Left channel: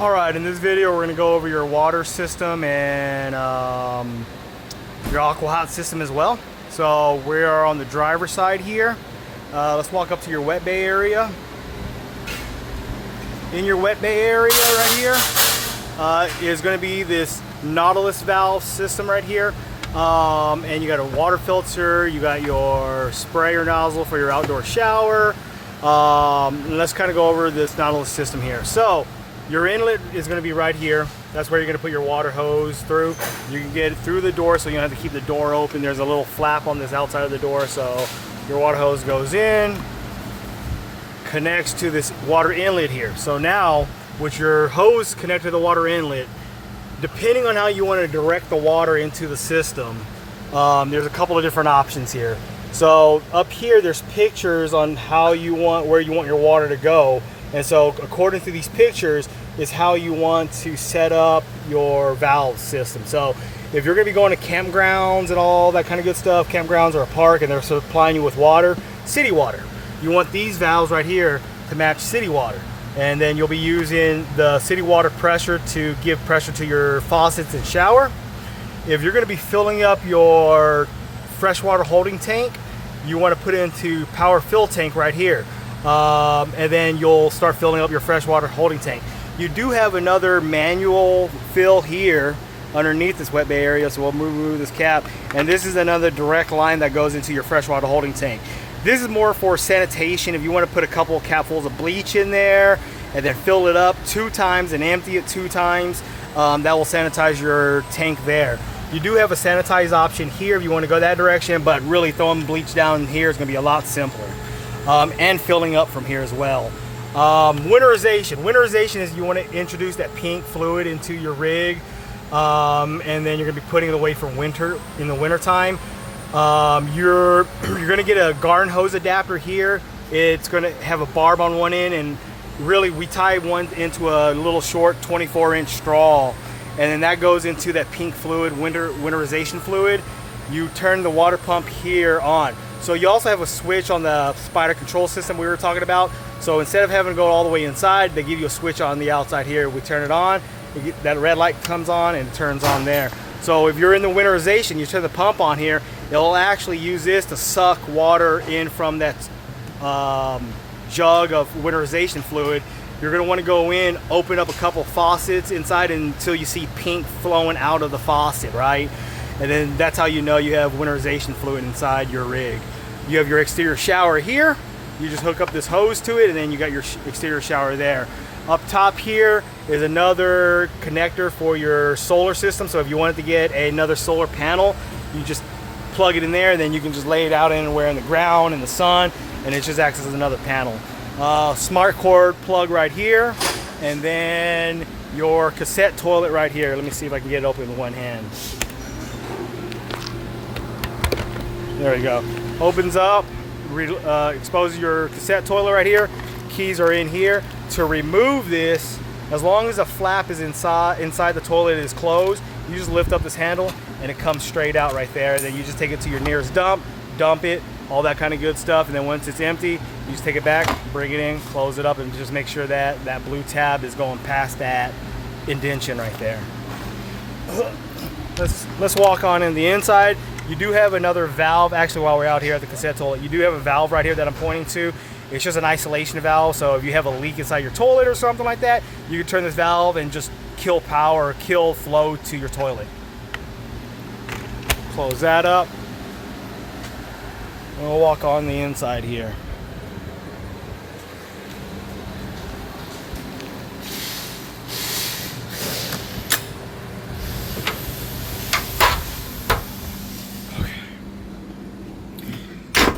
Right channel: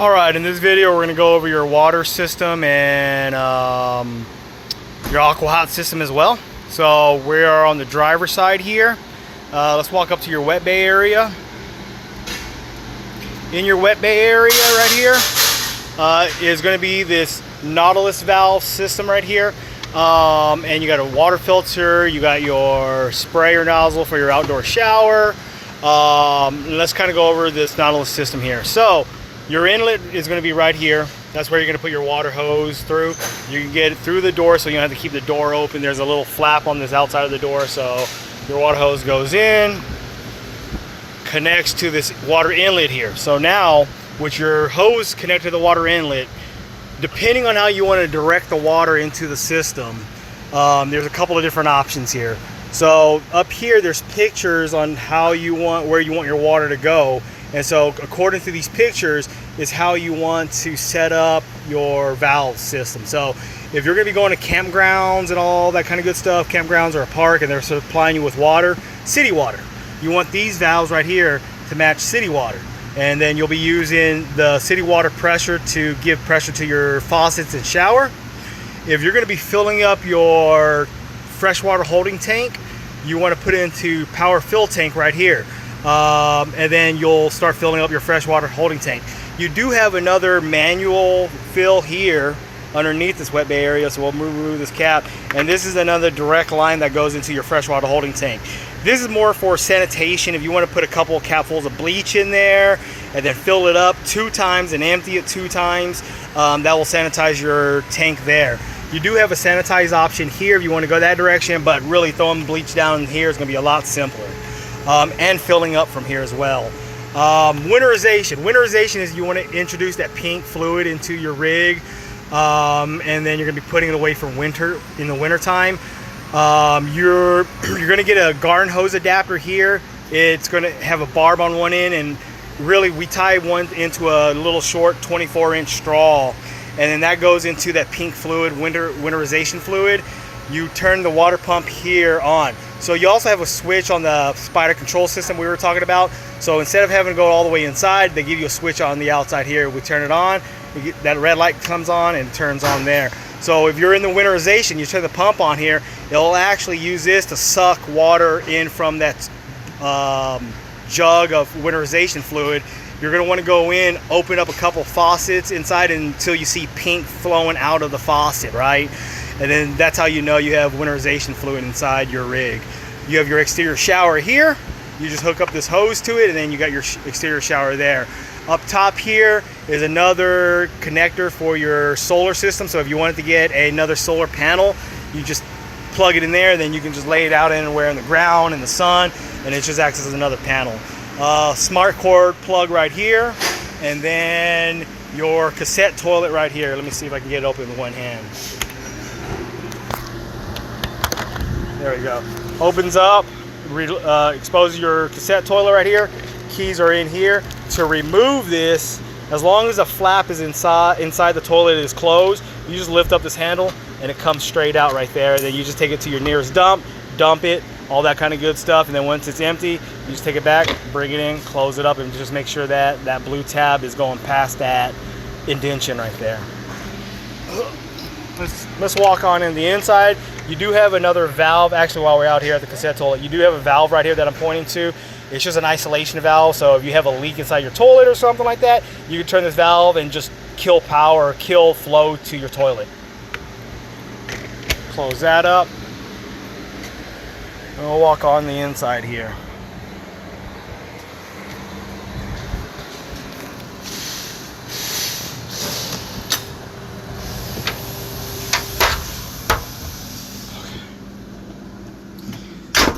Alright, in this video we're going to go over your water system and your aqua-hot system as well. So we are on the driver's side here. Let's walk up to your wet bay area. In your wet bay area right here is going to be this Nautilus valve system right here. And you got a water filter, you got your sprayer nozzle for your outdoor shower. Let's kind of go over this Nautilus system here. So your inlet is going to be right here. That's where you're going to put your water hose through. You can get it through the door, so you don't have to keep the door open. There's a little flap on this outside of the door, so your water hose goes in, connects to this water inlet here. So now, with your hose connected to the water inlet, depending on how you want to direct the water into the system, there's a couple of different options here. So up here, there's pictures on how you want, where you want your water to go. And so according to these pictures is how you want to set up your valve system. So if you're going to be going to campgrounds and all that kind of good stuff, campgrounds or a park, and they're supplying you with water, city water, you want these valves right here to match city water. And then you'll be using the city water pressure to give pressure to your faucets and shower. If you're going to be filling up your freshwater holding tank, you want to put it into power fill tank right here. And then you'll start filling up your freshwater holding tank. You do have another manual fill here underneath this wet bay area, so we'll remove this cap, and this is another direct line that goes into your freshwater holding tank. This is more for sanitation. If you want to put a couple of capfuls of bleach in there and then fill it up 2 times and empty it 2 times, that will sanitize your tank there. You do have a sanitize option here if you want to go that direction, but really throwing bleach down here is going to be a lot simpler. And filling up from here as well. Winterization. Winterization is you want to introduce that pink fluid into your rig, and then you're going to be putting it away for winter in the winter time. You're going to get a garden hose adapter here. It's going to have a barb on one end, and really we tie one into a little short 24-inch straw, and then that goes into that pink fluid, winterization fluid. You turn the water pump here on. So you also have a switch on the spider control system we were talking about. So instead of having to go all the way inside, they give you a switch on the outside here. We turn it on, that red light comes on and it turns on there. So if you're in the winterization, you turn the pump on here, it'll actually use this to suck water in from that jug of winterization fluid. You're gonna wanna go in, open up a couple faucets inside until you see pink flowing out of the faucet, right? And then that's how you know you have winterization fluid inside your rig. You have your exterior shower here. You just hook up this hose to it, and then you got your exterior shower there. Up top here is another connector for your solar system. So if you wanted to get another solar panel, you just plug it in there, and then you can just lay it out anywhere in the ground, in the sun, and it just acts as another panel. Smart cord plug right here, and then your cassette toilet right here. Let me see if I can get it open with one hand. There we go. Opens up, exposes your cassette toilet right here. Keys are in here. To remove this, as long as the flap is inside the toilet is closed, you just lift up this handle and it comes straight out right there. Then you just take it to your nearest dump it, all that kind of good stuff. And then once it's empty, you just take it back, bring it in, close it up, and just make sure that that blue tab is going past that indentation right there. Let's walk on in the inside. You do have another valve, actually while we're out here at the cassette toilet, you do have a valve right here that I'm pointing to. It's just an isolation valve, so if you have a leak inside your toilet or something like that, you can turn this valve and just kill power or kill flow to your toilet. Close that up. And we'll walk on the inside here.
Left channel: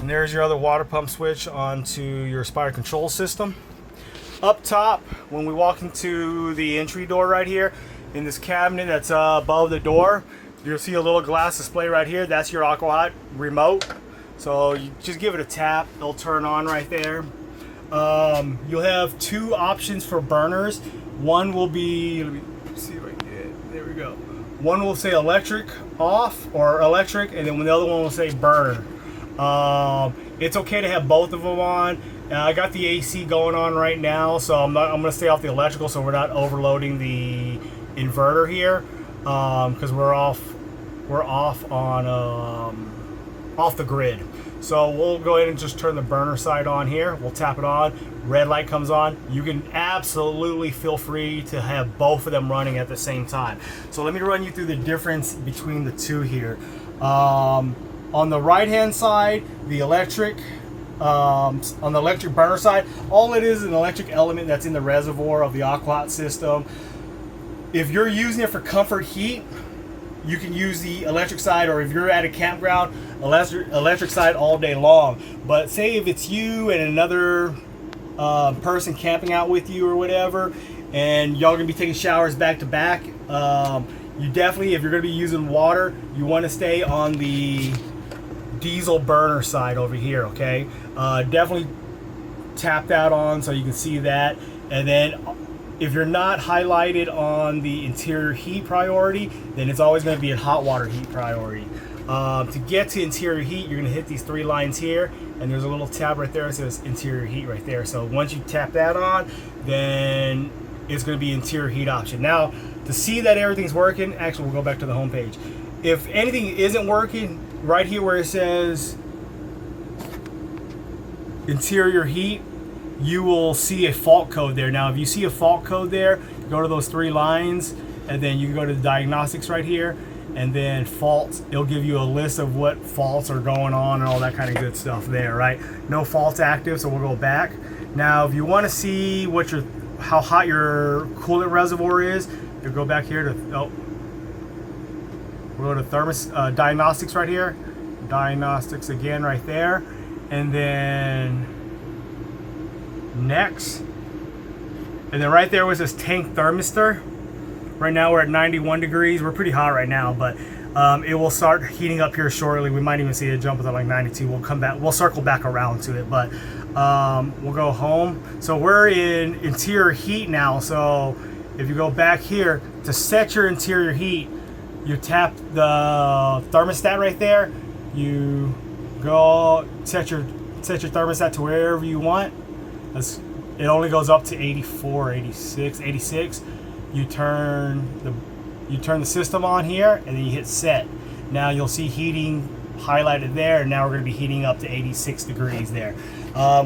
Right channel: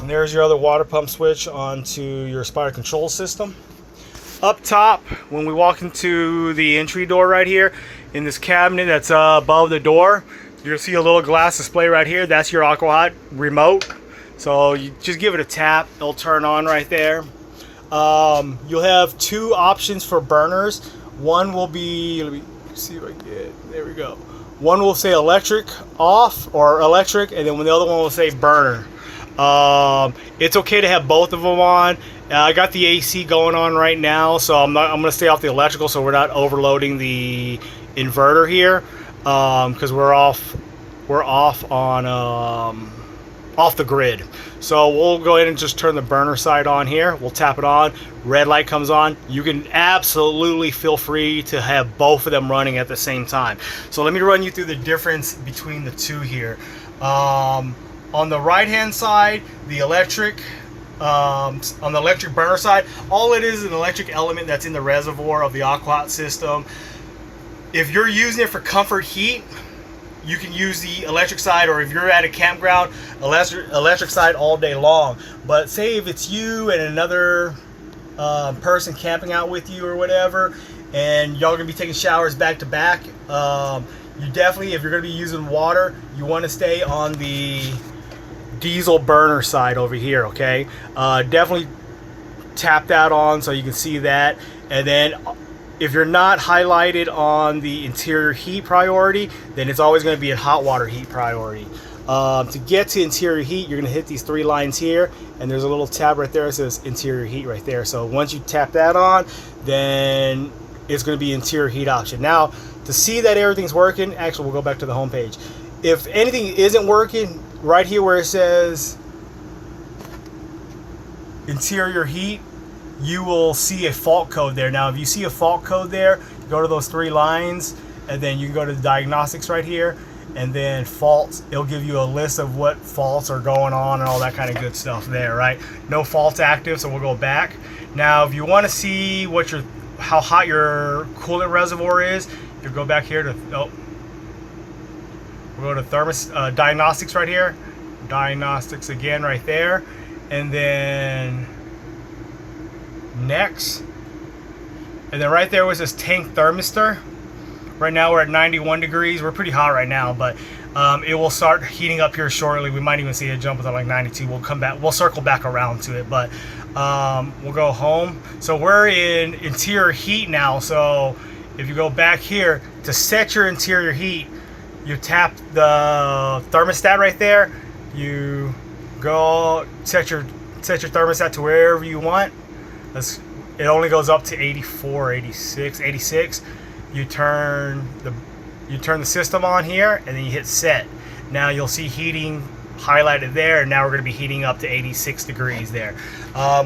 And there's your other water pump switch onto your spider control system. Up top, when we walk into the entry door right here, in this cabinet that's above the door, you'll see a little glass display right here. That's your aqua-hot remote. So you just give it a tap, it'll turn on right there. You'll have 2 options for burners. One will be, let me see if I can get, there we go. One will say electric off or electric, and then the other one will say burner. It's okay to have both of them on. I got the AC going on right now, so I'm gonna stay off the electrical so we're not overloading the inverter here, because we're off on off the grid. So we'll go ahead and just turn the burner side on here. We'll tap it on. Red light comes on. You can absolutely feel free to have both of them running at the same time. So let me run you through the difference between the two here. On the right hand side, the electric, on the electric burner side, all it is an electric element that's in the reservoir of the aqua system. If you're using it for comfort heat, you can use the electric side, or if you're at a campground, electric side all day long. But say if it's you and another person camping out with you or whatever, and y'all gonna be taking showers back to back, you definitely, if you're gonna be using water, you want to stay on the diesel burner side over here. Okay, definitely tap that on so you can see that. And then if you're not highlighted on the interior heat priority, then it's always going to be in hot water heat priority. To get to interior heat, you're going to hit these three lines here, and there's a little tab right there that says interior heat right there. So once you tap that on, then it's going to be interior heat option. Now, to see that everything's working, actually we'll go back to the home page. If anything isn't working, right here where it says interior heat, you will see a fault code there. Now, if you see a fault code there, go to those three lines, and then you can go to the diagnostics right here, and then faults. It'll give you a list of what faults are going on and all that kind of good stuff there, right? No faults active, so we'll go back. Now, if you want to see what how hot your coolant reservoir is, you go back here to we'll go to diagnostics right here, diagnostics again right there, and then next, and then right there was this tank thermistor. Right now we're at 91 degrees. We're pretty hot right now, but it will start heating up here shortly. We might even see it jump up like 92. We'll come back, we'll circle back around to it, but we'll go home. So we're in interior heat now. So if you go back here to set your interior heat, you tap the thermostat right there. You go set your thermostat to wherever you want. It only goes up to 84, 86, 86. You turn the system on here, and then you hit set. Now you'll see heating highlighted there, and now we're going to be heating up to 86 degrees there.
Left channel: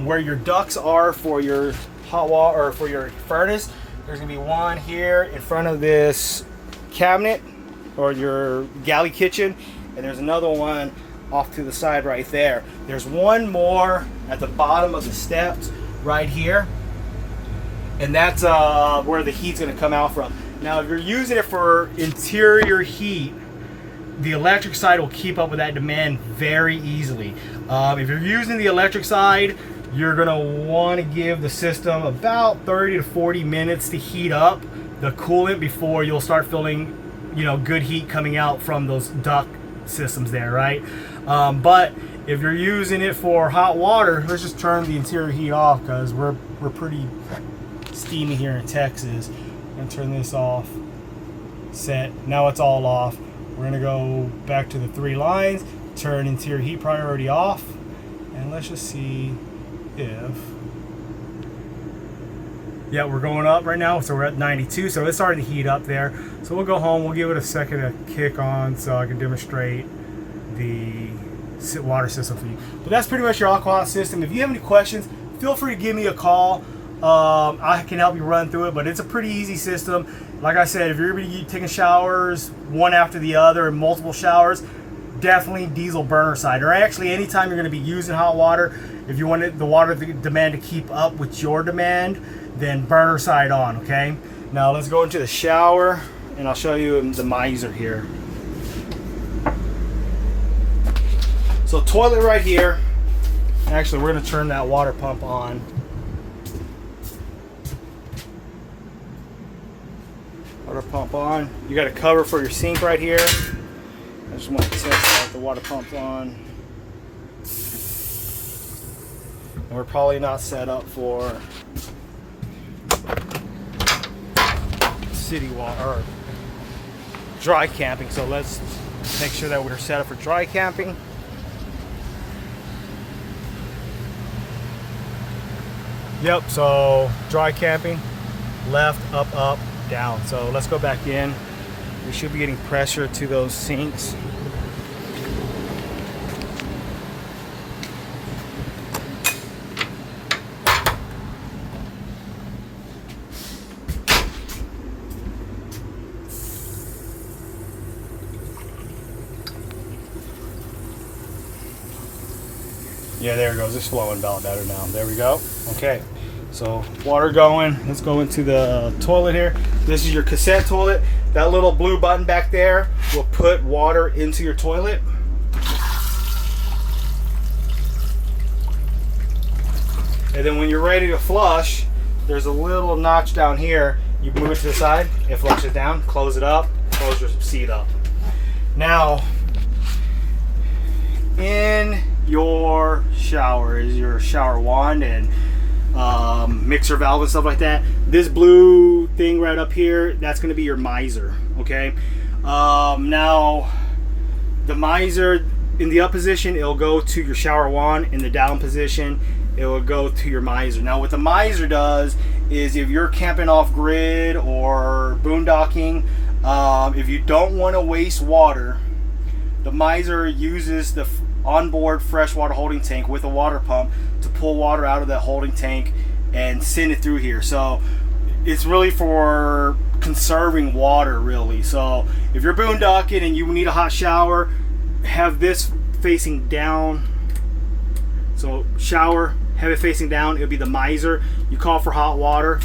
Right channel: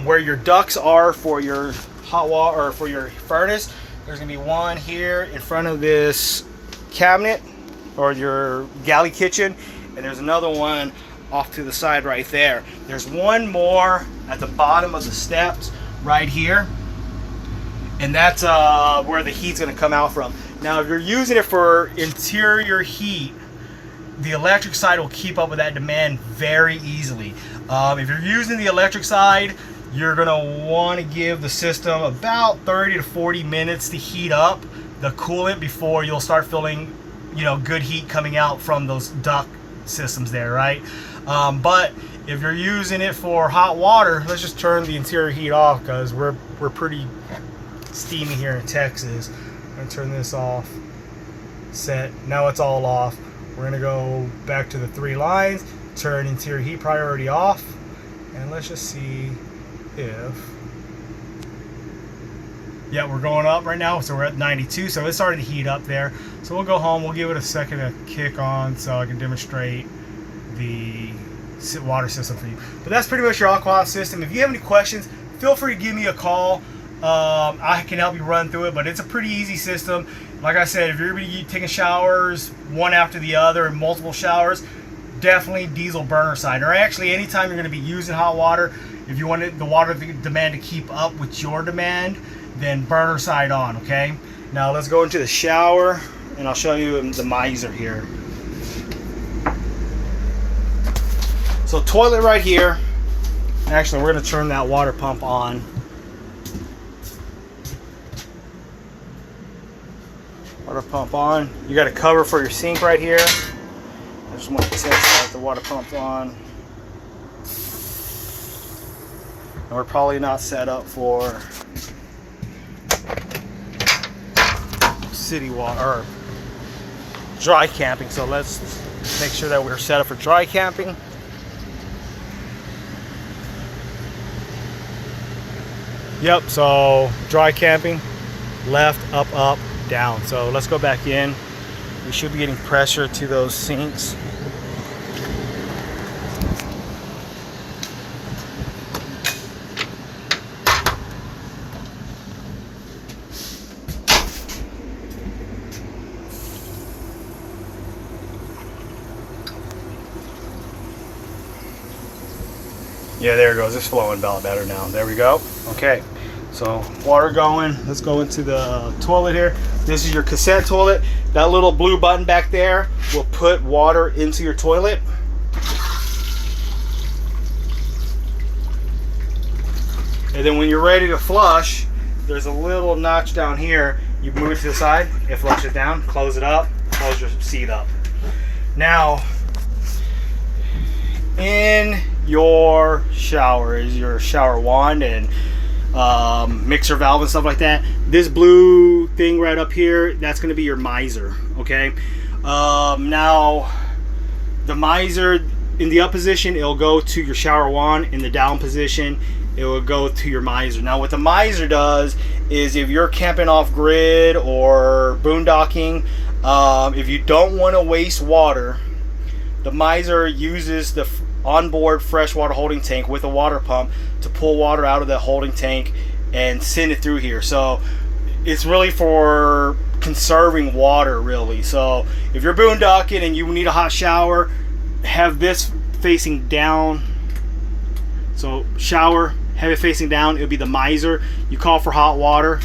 Where your ducts are for your hot water or for your furnace, there's going to be one here in front of this cabinet or your galley kitchen, and there's another one off to the side right there. There's one more at the bottom of the steps right here, and that's where the heat's going to come out from. Now, if you're using it for interior heat, the electric side will keep up with that demand very easily. If you're using the electric side, you're going to want to give the system about 30 to 40 minutes to heat up the coolant before you'll start feeling, good heat coming out from those duct systems there, right? But if you're using it for hot water, let's just turn the interior heat off because we're pretty steamy here in Texas. I'm gonna turn this off. Set. Now it's all off. We're gonna go back to the three lines, turn interior heat priority off, and let's just see if, yeah, we're going up right now, so we're at 92, so it's starting to heat up there. So we'll go home, we'll give it a second to kick on so I can demonstrate the water system for you. But that's pretty much your aqua system. If you have any questions, feel free to give me a call. I can help you run through it, but it's a pretty easy system. Like I said, if you're going to be taking showers one after the other and multiple showers, definitely diesel burner side. Or actually, anytime you're going to be using hot water, if you want the water demand to keep up with your demand, then burner side on, okay? Now let's go into the shower, and I'll show you the miser here. So toilet right here. Actually, we're going to turn that water pump on. Water pump on. You got a cover for your sink right here. I just want to test the water pump on. And we're probably not set up for city water or dry camping, so let's make sure that we're set up for dry camping. Yep, so dry camping, left, up, up, down. So let's go back in. We should be getting pressure to those sinks. Yeah, there it goes. It's flowing about better now. There we go. Okay, so water going. Let's go into the toilet here. This is your cassette toilet. That little blue button back there will put water into your toilet. And then when you're ready to flush, there's a little notch down here. You move it to the side, it flushes down, close it up, close your seat up. Now, in your shower is your shower wand and mixer valve and stuff like that. This blue thing right up here, that's going to be your miser. Okay, now the miser in the up position, it'll go to your shower wand. In the down position, it will go to your miser. Now what the miser does is, if you're camping off grid or boondocking, if you don't want to waste water, the miser uses the onboard freshwater holding tank with a water pump to pull water out of the holding tank and send it through here. So it's really for conserving water, really. So if you're boondocking and you need a hot shower, have this facing down. So shower, have it facing down. It'll be the miser. You call for hot water,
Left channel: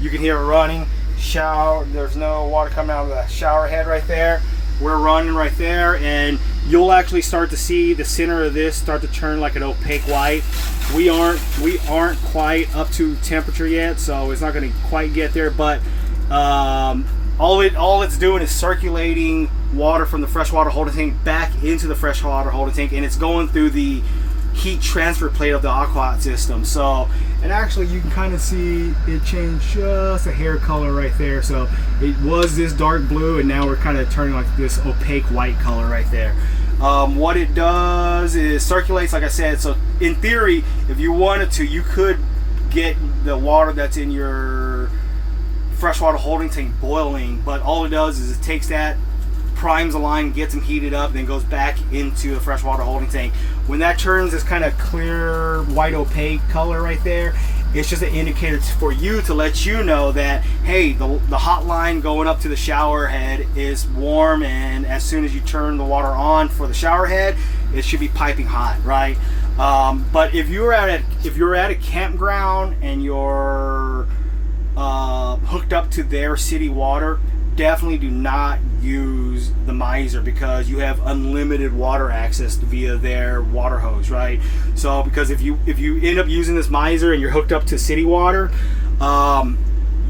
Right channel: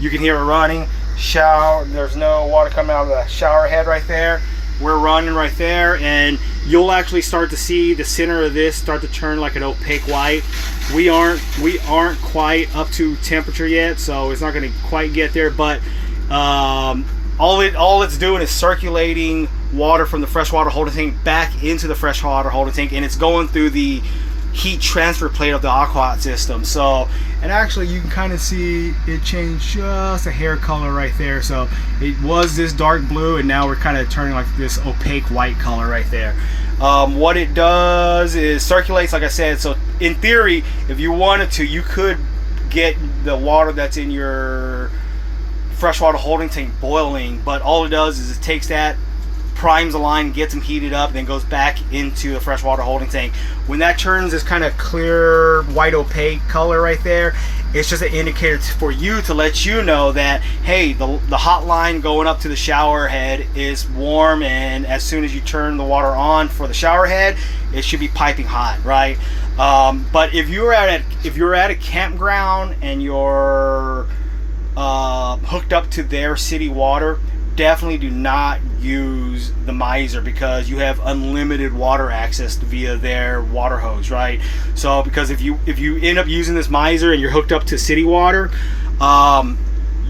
you can hear it running. Shower, there's no water coming out of the shower head right there. We're running right there, and you'll actually start to see the center of this start to turn like an opaque white. We aren't quite up to temperature yet, so it's not going to quite get there, but all it's doing is circulating water from the freshwater holding tank back into the freshwater holding tank, and it's going through the heat transfer plate of the aqua system. So, and actually you can kind of see it changed just a hair color right there. So it was this dark blue, and now we're kind of turning like this opaque white color right there. What it does is circulates, like I said. So in theory, if you wanted to, you could get the water that's in your freshwater holding tank boiling, but all it does is it takes that, primes the line, gets them heated up, and then goes back into the freshwater holding tank. When that turns this kind of clear white opaque color right there, it's just an indicator for you to let you know that, hey, the hot line going up to the shower head is warm, and as soon as you turn the water on for the shower head, it should be piping hot, right? But if you're at a campground and you're hooked up to their city water, definitely do not use the miser, because you have unlimited water access via their water hose, right? So because if you end up using this miser and you're hooked up to city water,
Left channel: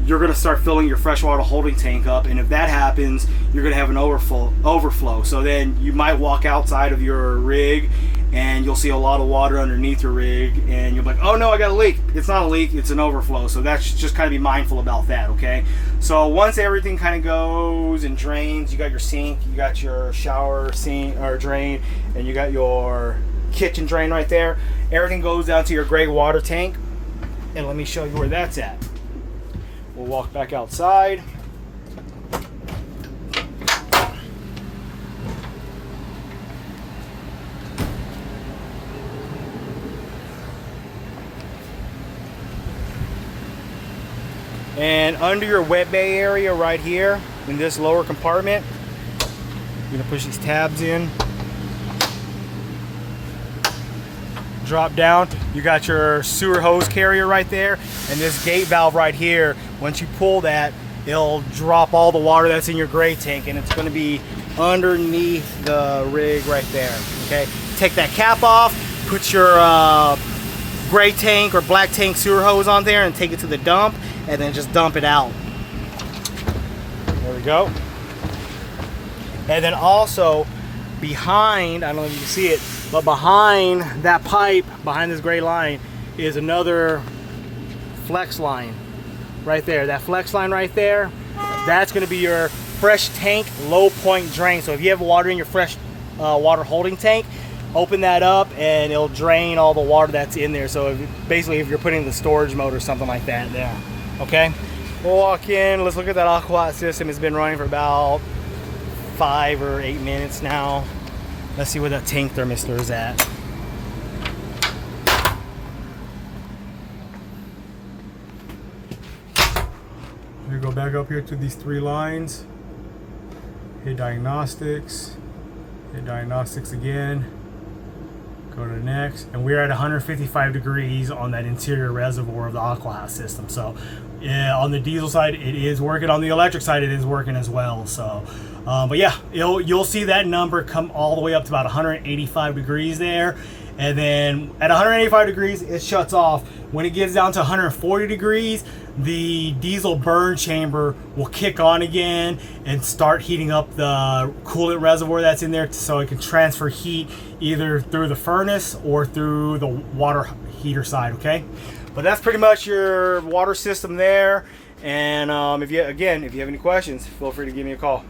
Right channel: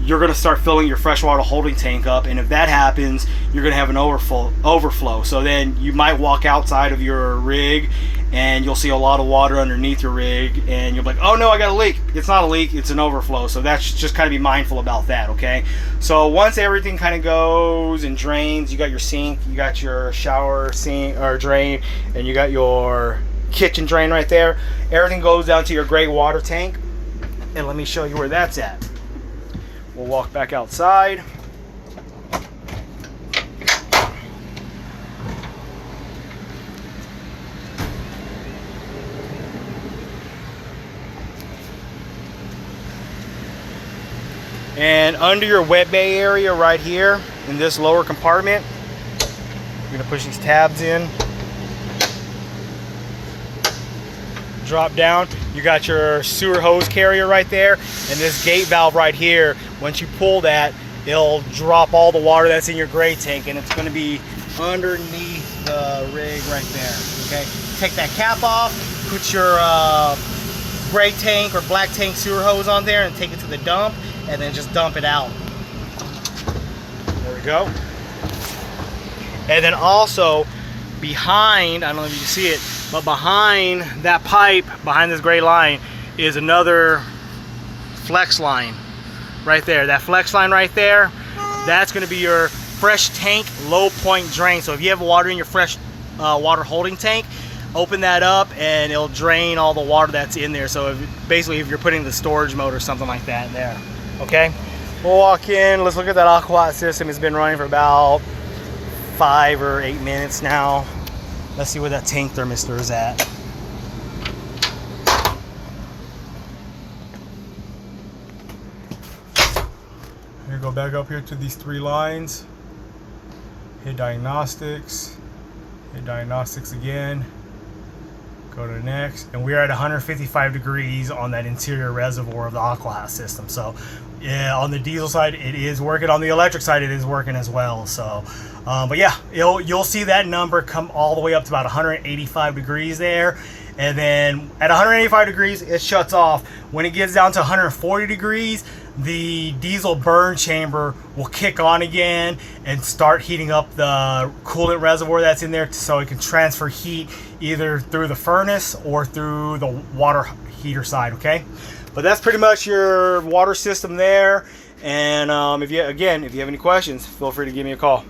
you're going to start filling your freshwater holding tank up, and if that happens, you're going to have an overflow. So then you might walk outside of your rig and you'll see a lot of water underneath your rig, and you'll be like, oh no, I got a leak. It's not a leak, it's an overflow. So that's just kind of be mindful about that, okay? So once everything kind of goes and drains, you got your sink, you got your shower sink or drain, and you got your kitchen drain right there. Everything goes down to your gray water tank, and let me show you where that's at. We'll walk back outside. And under your wet bay area right here in this lower compartment, you're gonna push these tabs in, drop down. You got your sewer hose carrier right there, and this gate valve right here. Once you pull that, it'll drop all the water that's in your gray tank, and it's going to be underneath the rig right there. Okay, take that cap off, put your gray tank or black tank sewer hose on there, and take it to the dump, and then just dump it out. There we go. And then also behind, I don't know if you can see it, but behind that pipe, behind this gray line, is another flex line right there. That flex line right there, that's going to be your fresh tank low point drain. So if you have water in your fresh water holding tank, open that up and it'll drain all the water that's in there. So basically if you're putting the storage mode or something like that there, okay? We'll walk in, let's look at that Aqua system. It's been running for about 5 or 8 minutes now. Let's see where that tank thermistor is at. Here, go back up here to these 3 lines. Hit diagnostics. Hit diagnostics again. Go to next. And we're at 155 degrees on that interior reservoir of the Aqua system. So yeah, on the diesel side it is working. On the electric side it is working as well. So but yeah, you'll see that number come all the way up to about 185 degrees there, and then at 185 degrees it shuts off. When it gets down to 140 degrees, the diesel burn chamber will kick on again and start heating up the coolant reservoir that's in there, so it can transfer heat either through the furnace or through the water heater side, okay? But that's pretty much your water system there. And if you have any questions, feel free to give me a call.